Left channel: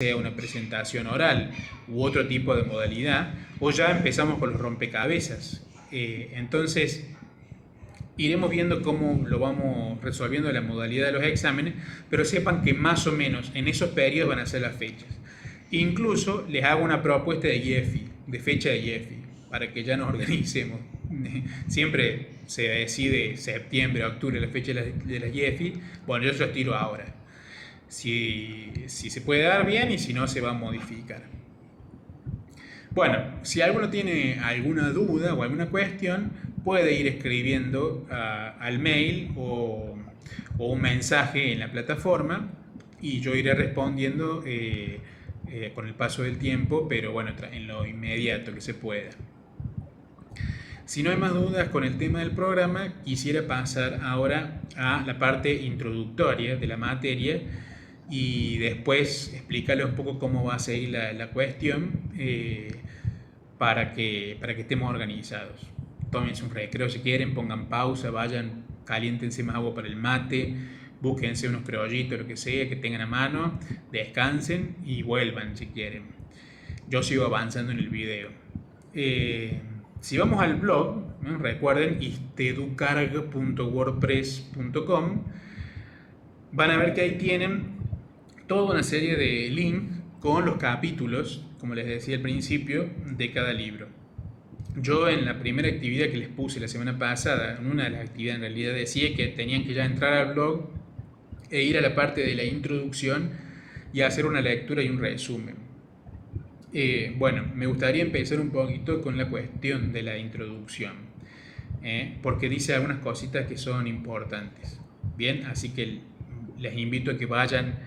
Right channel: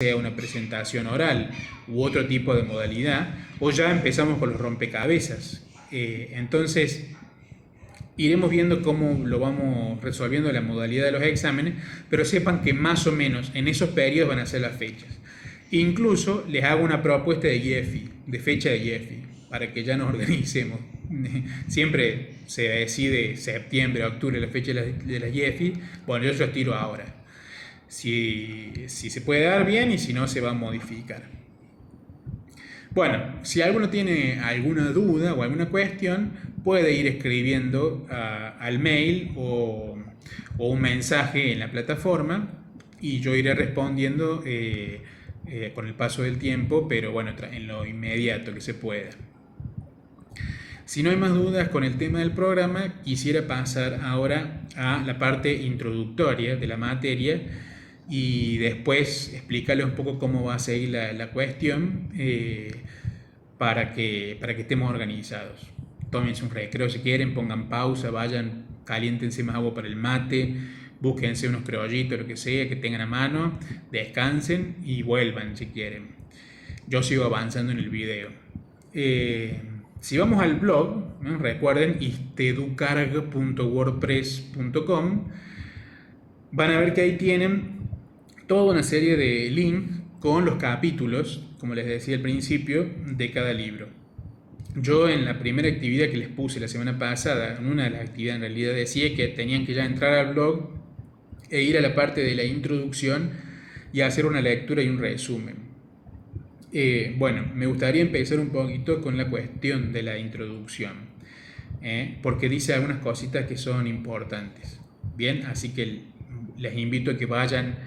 sea una presentación oral u otro tipo de modalidad, o ya empezamos con los rompecabezas. Entonces, iremos viendo cómo lo vamos resolviendo la modalidad de los exámenes, pero sepan que más o menos en esos periodos van a ser las fechas. Incluso les hago una propuesta de IEFI, de fecha de IEFI, para que ya nos organicemos. Siempre se decide septiembre, octubre, la fecha de las IEFI. Bueno, yo se los tiro ahora. Si se puede dar bien y si no, se va a modificar. Bueno, si alguno tiene alguna duda o alguna cuestión, puede ir escribiendo al mail o un mensaje en la plataforma y yo iré respondiendo con el paso del tiempo, pero bueno, en lo inmediato que se pueda. Si no hay más dudas con el tema del programa, quisiera pasar ahora a la parte introductoria de la materia y después explicarles un poco cómo va a seguir la cuestión para que estemos organizados. Tómense un recreo si quieren, pongan pausa, vayan, caliéntense más agua para el mate, búsquense unos criollitos, lo que sea, que tengan a mano, descansen y vuelvan si quieren. Yo sigo avanzando en el video. Si vamos al blog, ¿no? Recuerden isteducarg.wordpress.com, van a ver que ahí tienen toda una serie de links con los capítulos, como les decía al principio, de cada libro. Yo en la primera actividad que les puse la semana pasada, en una de las actividades en realidad decía que tenían que ya entrar al blog e ir a la parte de la introducción y hacer una lectura y un resumen. Bueno, me gustaría empezar un poquito con la cuestión de la introducción, porque dice algunas cositas que son importantes. Bien, así que les invito a que vayan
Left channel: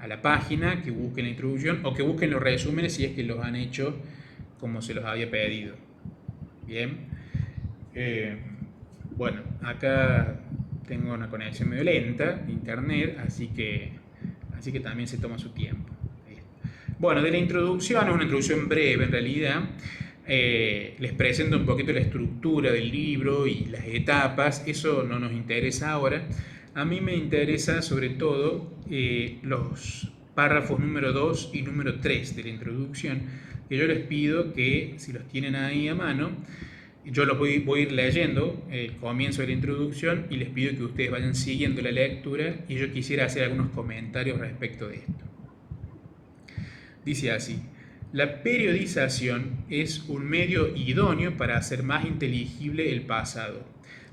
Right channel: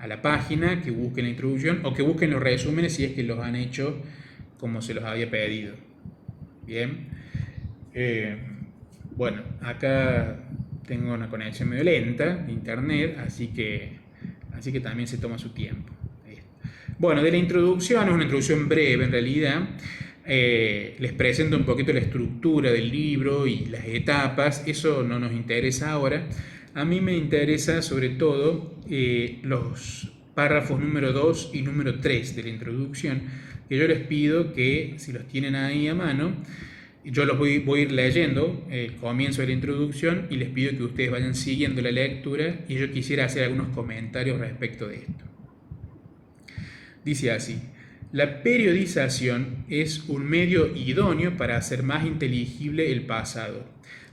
a la página, que busquen la introducción o que busquen los resúmenes si es que los han hecho como se los había pedido. Bien, bueno, acá tengo una conexión medio lenta de internet, así que también se toma su tiempo. Bueno, de la introducción, es una introducción breve en realidad. Les presento un poquito la estructura del libro y las etapas. Eso no nos interesa ahora. A mí me interesa sobre todo los párrafos número 2 y número 3 de la introducción, que yo les pido que si los tienen ahí a mano, yo los voy a ir leyendo el comienzo de la introducción y les pido que ustedes vayan siguiendo la lectura y yo quisiera hacer algunos comentarios respecto de esto. Dice así: la periodización es un medio idóneo para hacer más inteligible el pasado,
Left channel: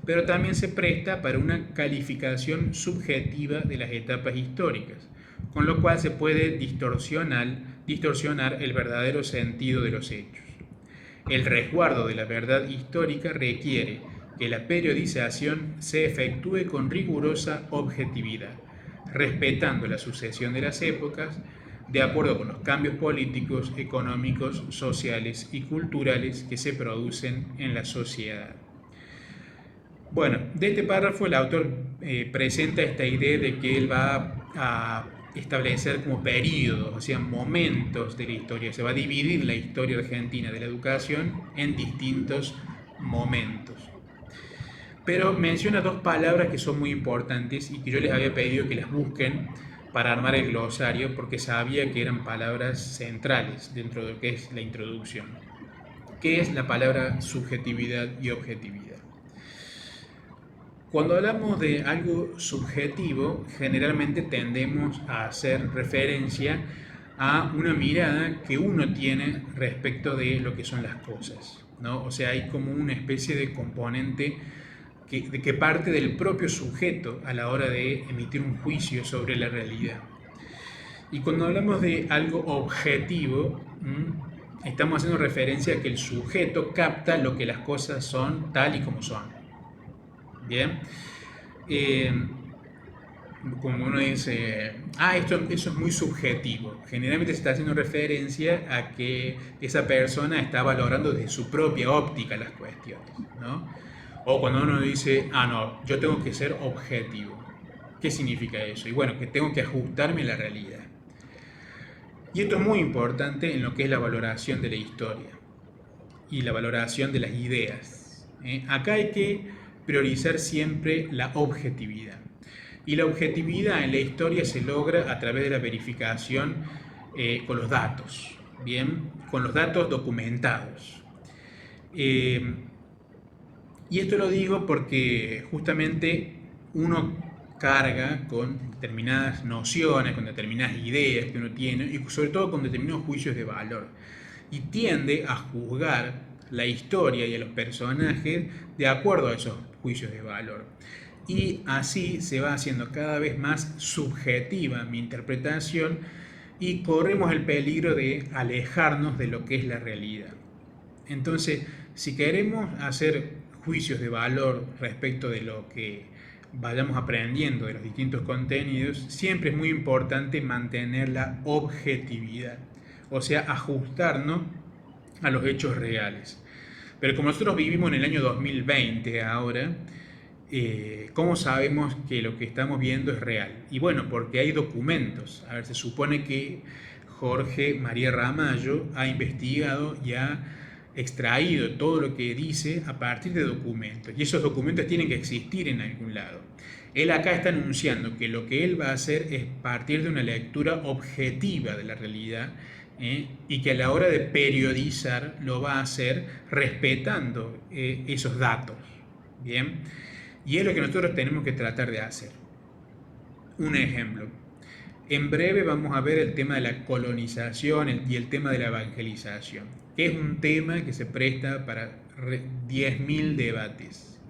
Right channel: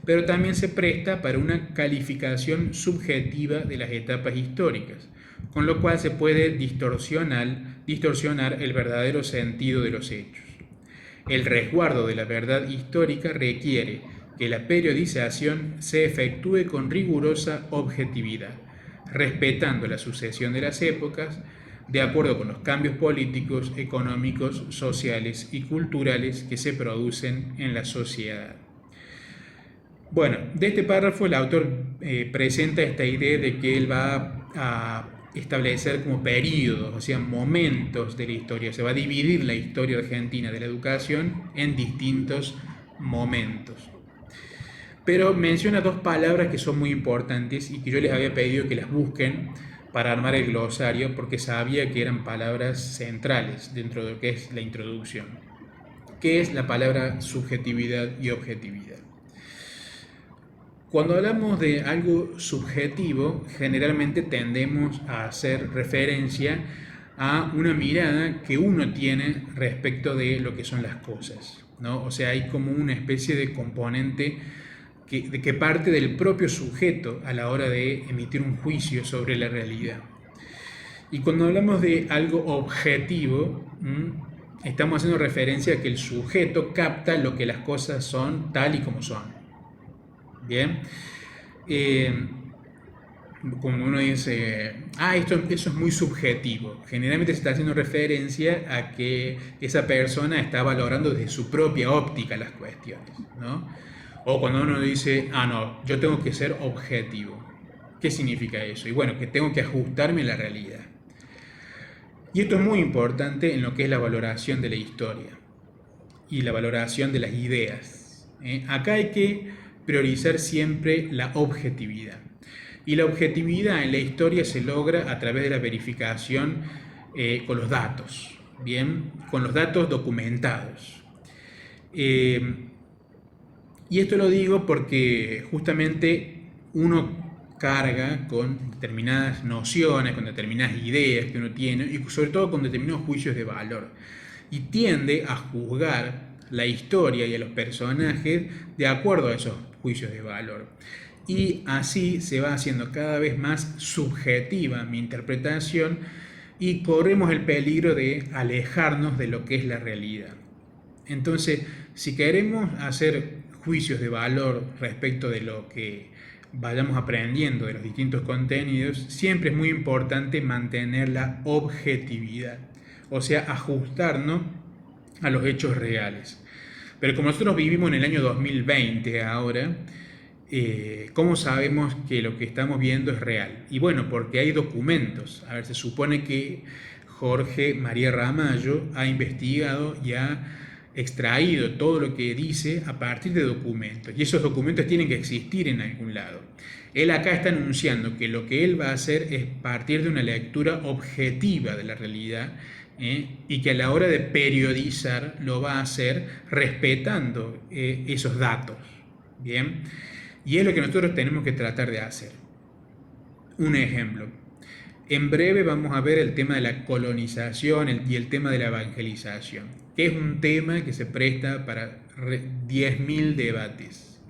pero también se presta para una calificación subjetiva de las etapas históricas, con lo cual se puede distorsionar el verdadero sentido de los hechos. El resguardo de la verdad histórica requiere que la periodización se efectúe con rigurosa objetividad, respetando la sucesión de las épocas, de acuerdo con los cambios políticos, económicos, sociales y culturales que se producen en la sociedad. Bueno, de este párrafo el autor presenta esta idea de que él va a establecer como periodos, o sea, momentos de la historia. Se va a dividir la historia argentina de la educación en distintos momentos. Pero menciona dos palabras que son muy importantes y que yo les había pedido que las busquen para armar el glosario, porque sabía que eran palabras centrales dentro de lo que es la introducción, que es la palabra subjetividad y objetividad. Cuando hablamos de algo subjetivo, generalmente tendemos a hacer referencia a una mirada que uno tiene respecto de lo que son las cosas, ¿no? O sea, hay como una especie de componente que parte del propio sujeto a la hora de emitir un juicio sobre la realidad. Y cuando hablamos de algo objetivo, estamos haciendo referencia a que el sujeto capta lo que las cosas son tal y como son. Bien, como uno dice, eso es muy subjetivo. Generalmente se está haciendo referencia a que esa persona está valorando desde su propia óptica las cuestiones, ¿no? O cuando uno dice, no, yo tengo que ser objetivo. ¿Qué significa eso? Y bueno, que tengo que ajustarme a la realidad. Y esto es muy importante en lo que es la valoración de la historia y la valoración de las ideas. Acá hay que priorizar siempre la objetividad. Y la objetividad en la historia se logra a través de la verificación con los datos, bien, con los datos documentados. Eh, y esto lo digo porque justamente uno carga con determinadas nociones, con determinadas ideas que uno tiene y sobre todo con determinados juicios de valor. Y tiende a juzgar la historia y a los personajes de acuerdo a esos juicios de valor. Y así se va haciendo cada vez más subjetiva mi interpretación y corremos el peligro de alejarnos de lo que es la realidad. Entonces, si queremos hacer juicios de valor respecto de lo que vayamos aprendiendo de los distintos contenidos, siempre es muy importante mantener la objetividad, o sea, ajustarnos a los hechos reales. Pero como nosotros vivimos en el año 2020 ahora, ¿cómo sabemos que lo que estamos viendo es real? Y bueno, porque hay documentos. A ver, se supone que Jorge María Ramallo ha investigado y ha extraído todo lo que dice a partir de documentos. Y esos documentos tienen que existir en algún lado. Él acá está anunciando que lo que él va a hacer es partir de una lectura objetiva de la realidad, y que a la hora de periodizar lo va a hacer respetando esos datos. Bien, y es lo que nosotros tenemos que tratar de hacer. Un ejemplo. En breve vamos a ver el tema de la colonización y el tema de la evangelización, que es un tema que se presta para 10.000 debates.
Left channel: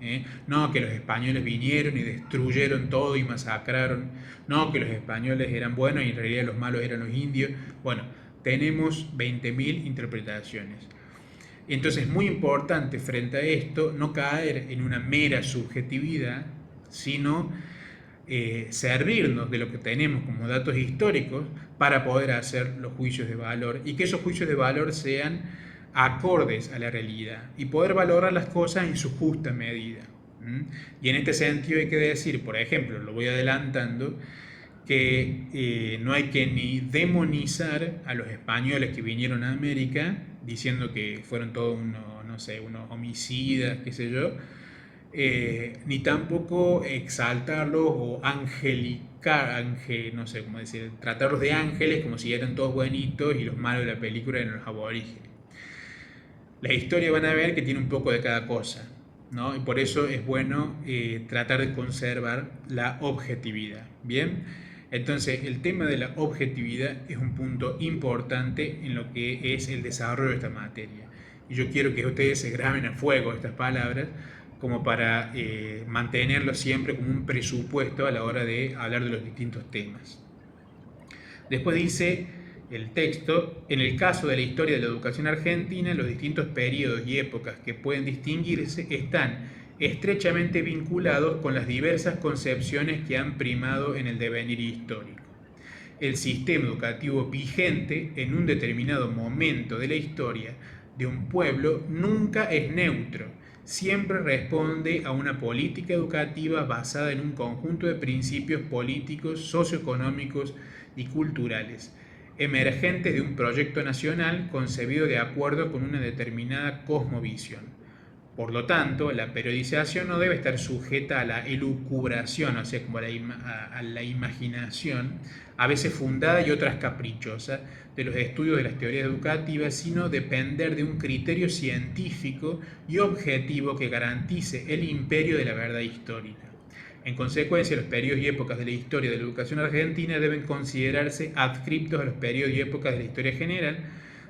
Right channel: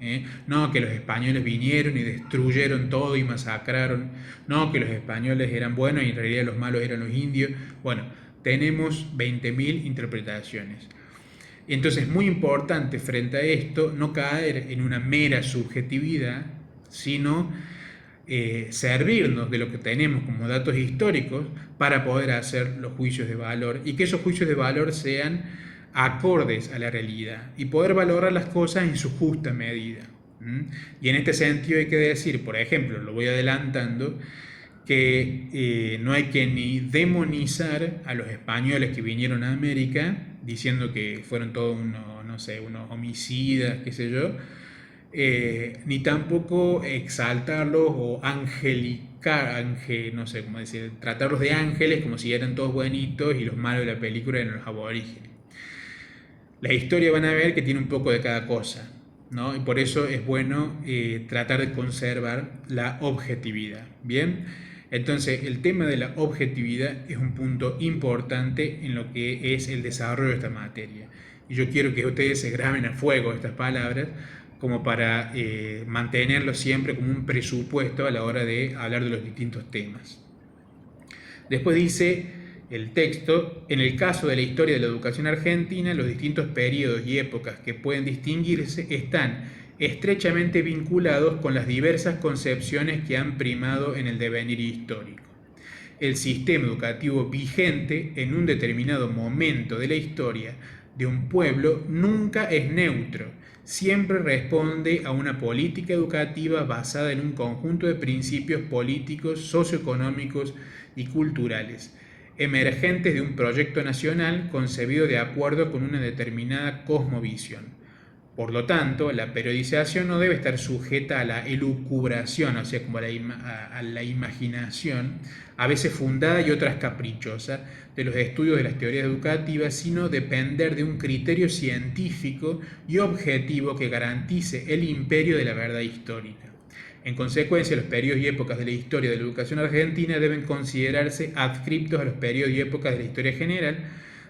No que los españoles vinieron y destruyeron todo y masacraron. No que los españoles eran buenos y en realidad los malos eran los indios. Bueno, tenemos 20.000 interpretaciones. Entonces es muy importante frente a esto no caer en una mera subjetividad, sino servirnos de lo que tenemos como datos históricos para poder hacer los juicios de valor y que esos juicios de valor sean acordes a la realidad y poder valorar las cosas en su justa medida. Y en este sentido hay que decir, por ejemplo, lo voy adelantando, que no hay que ni demonizar a los españoles que vinieron a América diciendo que fueron todos unos, no sé, unos homicidas, qué sé yo, ni tampoco exaltarlos o angelicar, no sé cómo decir, tratarlos de ángeles como si eran todos buenitos y los malos de la película eran los aborígenes. La historia van a ver que tiene un poco de cada cosa, ¿no? Y por eso es bueno tratar de conservar la objetividad, ¿bien? Entonces, el tema de la objetividad es un punto importante en lo que es el desarrollo de esta materia. Y yo quiero que ustedes se graben a fuego estas palabras como para mantenerlo siempre como un presupuesto a la hora de hablar de los distintos temas. Después dice el texto, en el caso de la historia de la educación argentina, los distintos periodos y épocas que pueden distinguirse están estrechamente vinculados con las diversas concepciones que han primado en el devenir histórico. El sistema educativo vigente en un determinado momento de la historia de un pueblo nunca es neutro, siempre responde a una política educativa basada en un conjunto de principios políticos, socioeconómicos y culturales, emergentes de un proyecto nacional concebido de acuerdo con una determinada cosmovisión. Por lo tanto, la periodización no debe estar sujeta a la elucubración, o sea, como a la imaginación, a veces fundada y otras caprichosas, de los estudios de las teorías educativas, sino depender de un criterio científico y objetivo que garantice el imperio de la verdad histórica. En consecuencia, los periodos y épocas de la historia de la educación argentina deben considerarse adscriptos a los periodos y épocas de la historia general,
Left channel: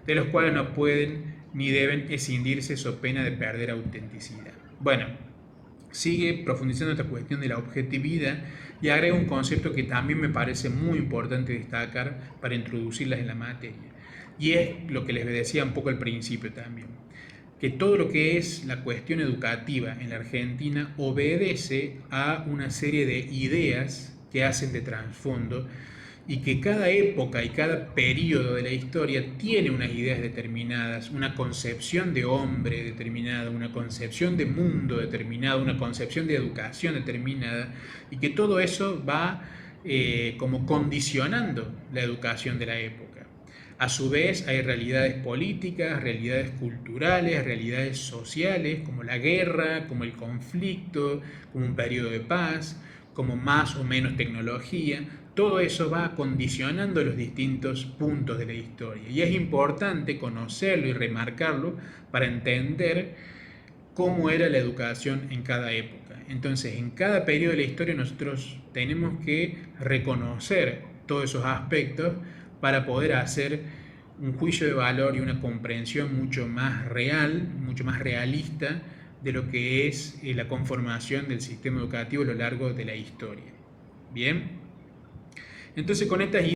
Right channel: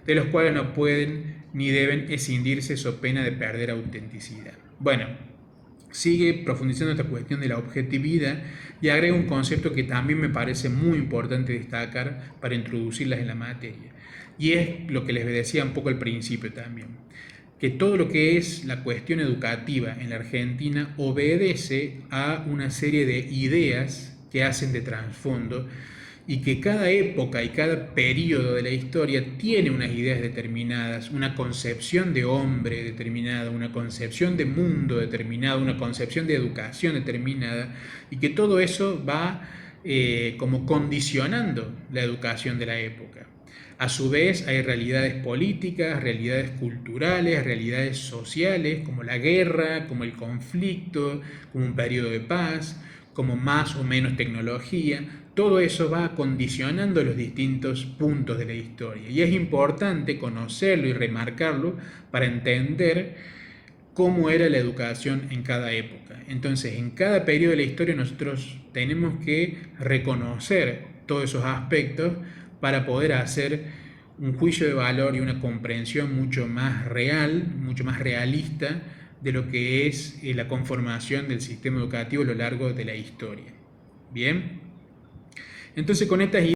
de los cuales no pueden ni deben escindirse so pena de perder autenticidad. Bueno, sigue profundizando esta cuestión de la objetividad y agrega un concepto que también me parece muy importante destacar para introducirlas en la materia. Y es lo que les decía un poco al principio también, que todo lo que es la cuestión educativa en la Argentina obedece a una serie de ideas que hacen de trasfondo y que cada época y cada periodo de la historia tiene unas ideas determinadas, una concepción de hombre determinada, una concepción de mundo determinada, una concepción de educación determinada, y que todo eso va como condicionando la educación de la época. A su vez hay realidades políticas, realidades culturales, realidades sociales, como la guerra, como el conflicto, como un periodo de paz, como más o menos tecnología. todo eso va condicionando los distintos puntos de la historia. Y es importante conocerlo y remarcarlo para entender cómo era la educación en cada época. Entonces, en cada periodo de la historia nosotros tenemos que reconocer todos esos aspectos para poder hacer un juicio de valor y una comprensión mucho más real, mucho más realista de lo que es la conformación del sistema educativo a lo largo de la historia. Bien, entonces con estas